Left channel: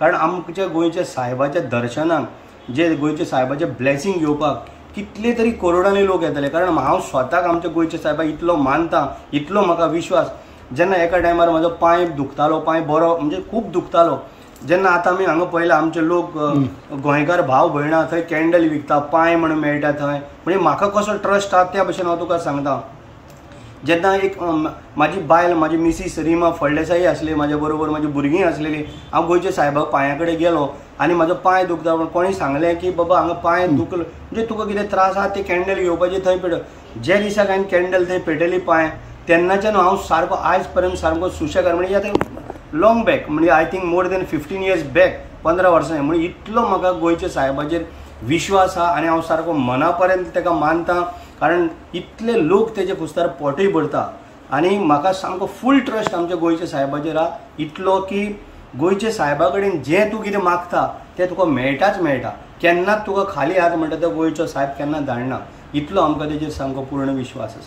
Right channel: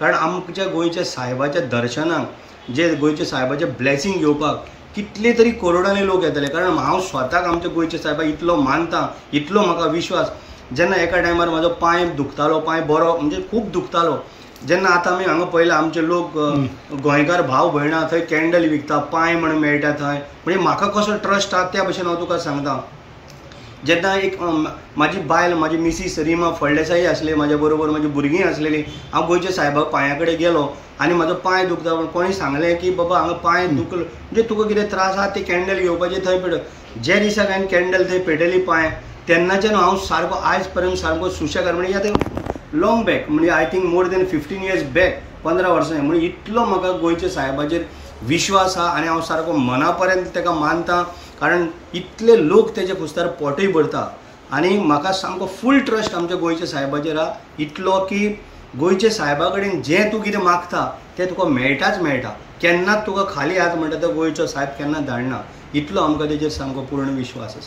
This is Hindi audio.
कारण आमच्या गोंयच्या सायबाच्या दर्शनाक जे गोंयच्या सायबाचे ब्लेसिंग घेवपाक कितले तरी करोडांनी लोक येतले। कारण हांव स्वताक आमच्या गोंयच्या सायबाक इतलो मानता, इतलो म्हाका विश्वास। जेन्ना एका टायमार म्हजो पांय दुखतालो, पांय बरो म्हणजे खूब दुखतालो, जेन्ना आतां आमी हांगा पळयला आमचे लोक गोंयकार भाव भयणां थंय कॅन्डल विकता, पांय म्हणून मेळटा थंय, म्हणजे म्हाका कसो ट्रस्ट आसा त्या भशेन हांव तुका सांगता। जेन्ना एक म्हाजी बायल, म्हाजी मिसीस रिमा फळदेसाई आसली म्हाज्या बरोबर, म्हाजी भुरगीं आसलेलीं, हांव गोंयच्या सायबा पांया कडेन गेलो आनी म्हाजो पांय दुखता पूण कोणी सांगलें की बाबा हांगा पांय दुखलो म्हणजे तुका कितें त्रास आसा ते कॅन्डल घेवपाचें थंय पेटय। जे दिसाक हांवें कॅन्डल थंय पेटयली पांय, तेन्नाच्यान हांव सारको आयज पर्यंत सारको सुशेगाद, म्हणजे आतां लॉंग बॅक, म्हणजे I think more than 15 years back, 15 वर्सां, म्हणजे इतलो म्हाका गोंयच्या सायबाचेर विश्वास आहा आनी हांव सारको मना पर्यंत ताका मानता। कारण इतले लोक तेजे कुस्तार पोटूय भरता आनी म्हाका सामको फूल ट्रस्ट आमच्या गोंयच्या सायबाचेर आहा, इतलो की गोंयच्या सायबा कडेन जें तूं कितें मागता तें तुका मेळटाच मेळटा। केन्नाच तुका खाली हात म्हणटा तो गोंयचो सायब केन्ना धाडना, इतलो आमकां तेजेर सामको पूर्ण विश्वास आसा।